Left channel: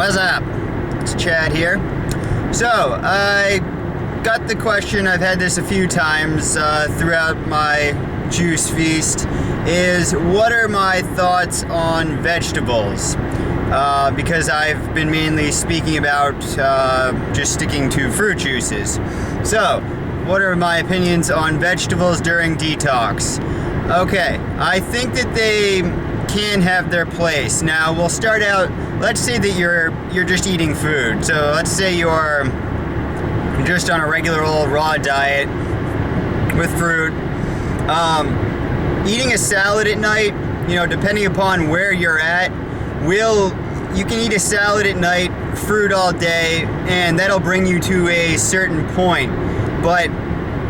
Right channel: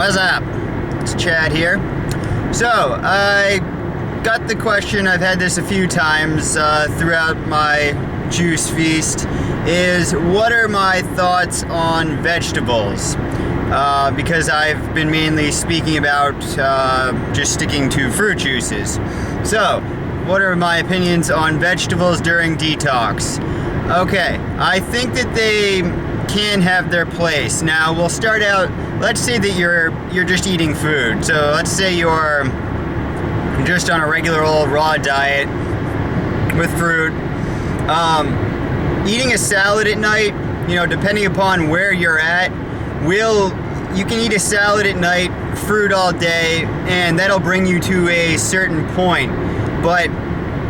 What's up? It's Chad here. So, I got the question, I've had this a few times throughout my juice feast, is what are my thoughts on vegetables? Because I've been mainly speaking about just sticking to fruit juices. So, what are my opinions on vegetables during detox? Okay, I think that they can have their place. Now, we'll start out, let's say that you're just eating food. So let's say you're just on a regular old raw diet with fruit. Eating a salad at night, depending upon where you're at, you can eat a salad at night, fruit all day, and that'll bring you to a certain point. But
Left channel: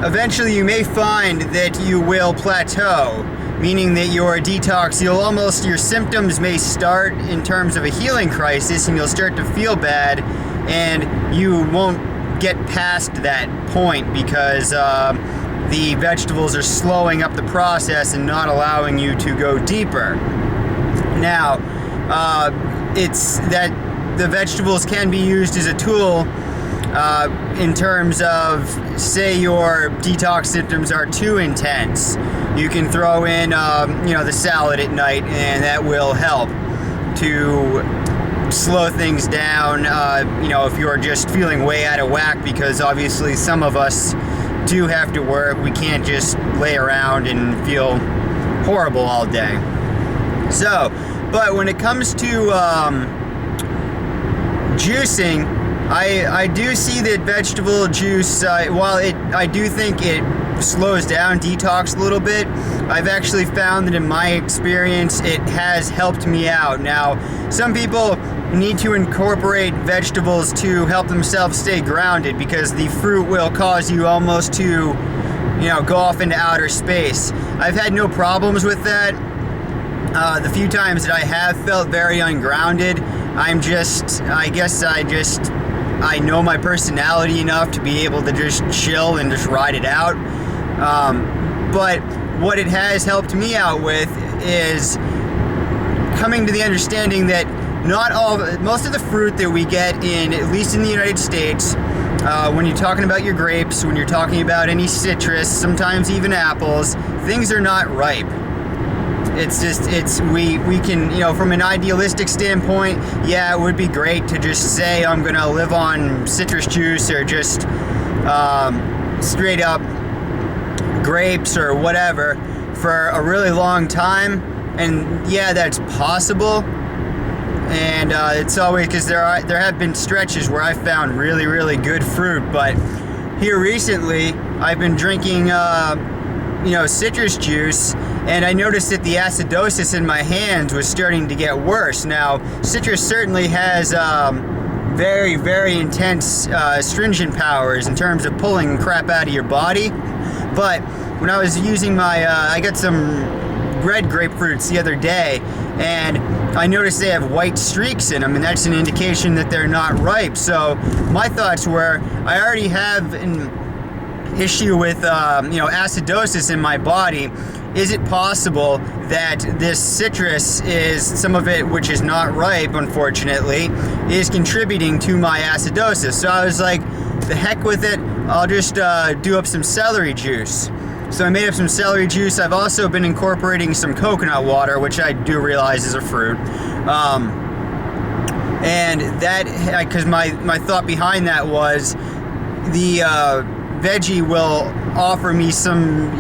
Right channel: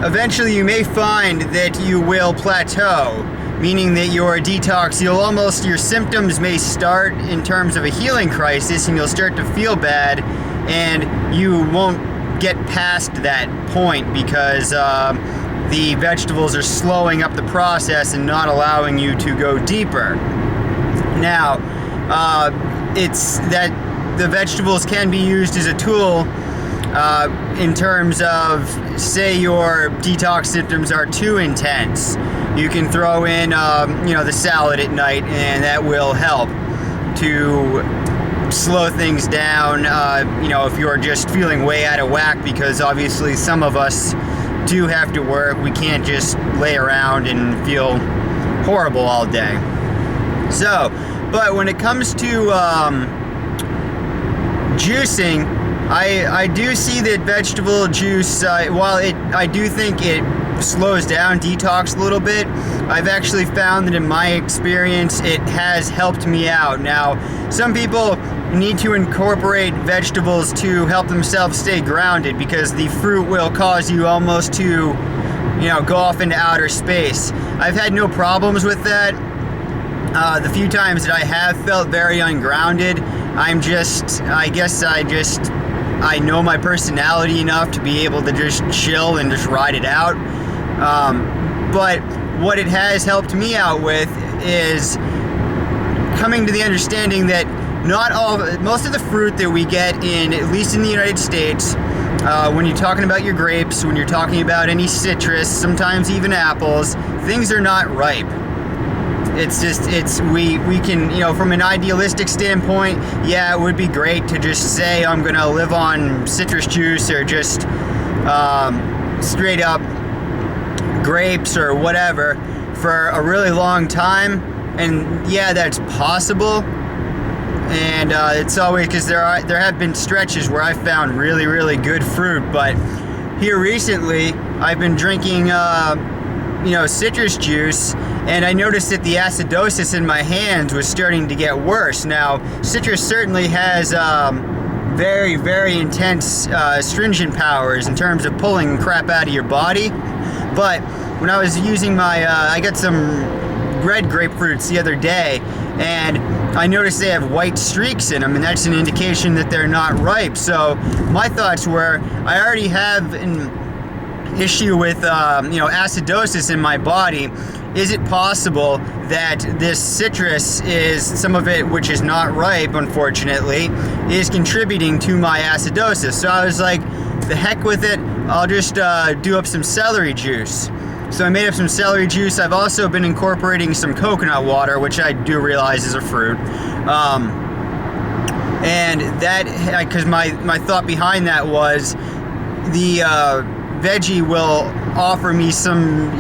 eventually you may find that you will plateau, meaning that your detox, your symptoms may start in terms of a healing crisis, and you'll start to feel bad, and you won't get past that point because the vegetables are slowing up the process and not allowing you to go deeper. Now, it's that the vegetables can be used as a tool in terms of, say your detox symptoms are too intense. You can throw in, the salad at night, and that will help to slow things down, if you're just feeling way out of whack, because obviously some of us do have to work. We can't just lay around and feel horrible all day. So, but when it comes to juicing, I do see that vegetable juice, while I do think it slows down detox a little bit, I've actually found that in my experience it has helped me out. Now, some people need to incorporate vegetables to help themselves stay grounded, because the fruit will cause you almost to, go off into outer space. I've had no problems with that. The few times that I have felt very ungrounded, I know my personality enough to be able to just chill and just ride it out. But what it has helped me out with is coming to the understanding that most of the fruit that we get at least in the United States, when you're talking about your grapes, when you're talking about any citrus, sometimes even apples, things are not ripe. We can, from an idealistic standpoint, yeah, it would be great to just say I'm gonna live on citrus juice or just straight up grapes or whatever for a really long time, and yeah, that's possible. And it's always, because there have been stretches where I found really, really good fruit, but here recently I've been drinking citrus juice, and I noticed that the acidosis in my hands was starting to get worse. Now, citrus certainly has very, very intense astringent powers in terms of pulling crap out of your body, but when I was using I got some red grapefruits the other day, and I noticed they have white streaks in them, and that's an indication that they're not ripe. So my thoughts were, I already have an issue with acidosis in my body. Is it possible that this citrus is, some of it which is not ripe, unfortunately, is contributing to my acidosis? So I was like, the heck with it, I'll just do up some celery juice. So I made up some celery juice. I've also been incorporating some coconut water, which I do realize is a fruit. And that, because my thought behind that was the veggie will offer me some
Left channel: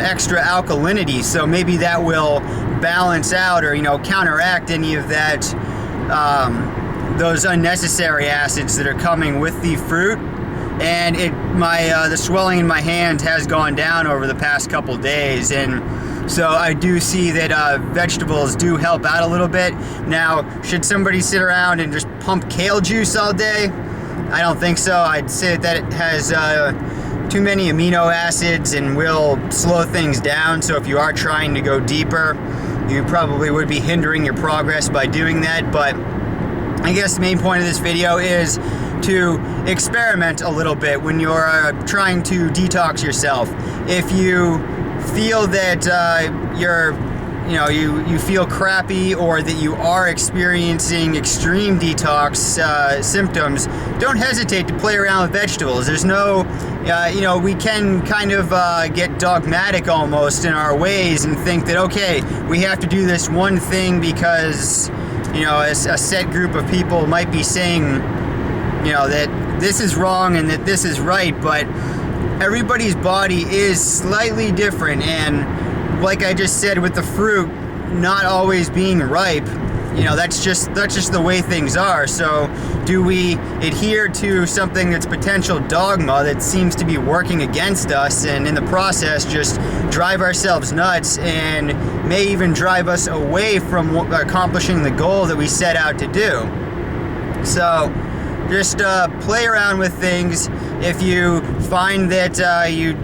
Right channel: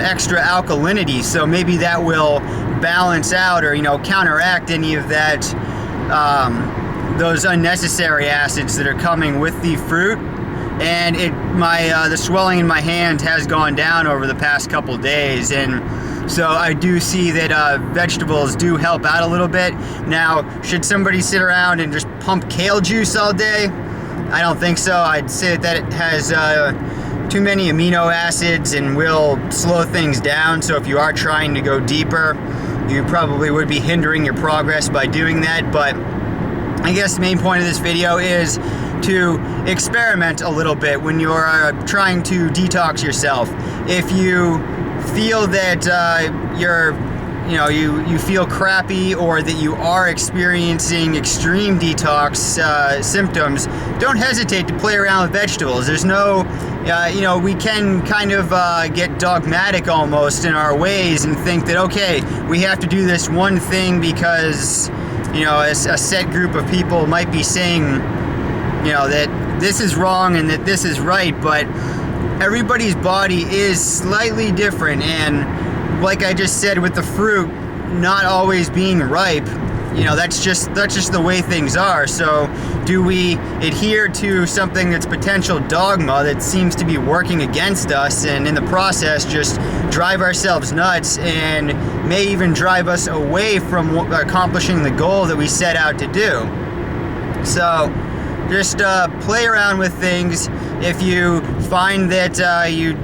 extra alkalinity, so maybe that will balance out or counteract any of that those unnecessary acids that are coming with the fruit. And the swelling in my hand has gone down over the past couple days, and so I do see that vegetables do help out a little bit. Now, should somebody sit around and just pump kale juice all day? I don't think so. I'd say that it has too many amino acids and will slow things down, so if you are trying to go deeper, you probably would be hindering your progress by doing that. But I guess the main point of this video is to experiment a little bit when you're trying to detox yourself. If you feel that you're you feel crappy or that you are experiencing extreme detox symptoms, don't hesitate to play around with vegetables. There's no, we can kind of get dogmatic almost in our ways and think that, okay, we have to do this one thing because, a set group of people might be saying, that this is wrong and that this is right, but everybody's body is slightly different, and like I just said with the fruit not always being ripe, that's just the way things are. So do we adhere to something that's potential dogma that seems to be working against us, and in the process just drive ourselves nuts and may even drive us away from accomplishing the goal that we set out to do? So just play around with things. If you find that you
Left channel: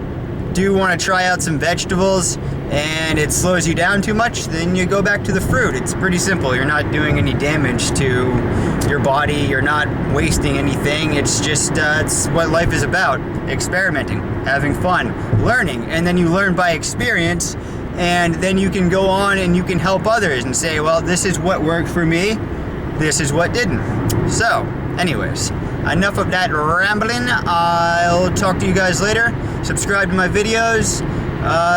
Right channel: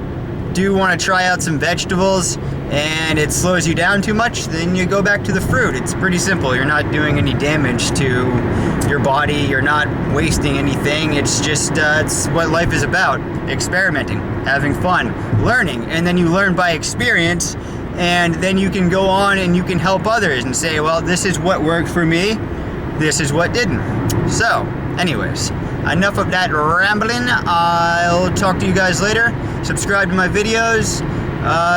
do want to try out some vegetables and it slows you down too much, then you go back to the fruit. It's pretty simple. You're not doing any damage to your body. You're not wasting anything. It's just it's what life is about: experimenting, having fun, learning, and then you learn by experience, and then you can go on and you can help others and say, well, this is what worked for me, this is what didn't. So anyways, enough of that rambling. I'll talk to you guys later. Subscribe to my videos.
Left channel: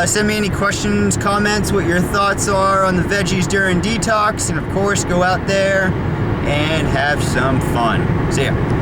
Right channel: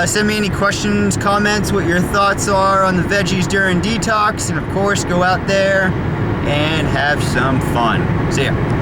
Send me any questions, comments, what your thoughts are on the veggies during detox. And of course, go out there and have some fun. See ya.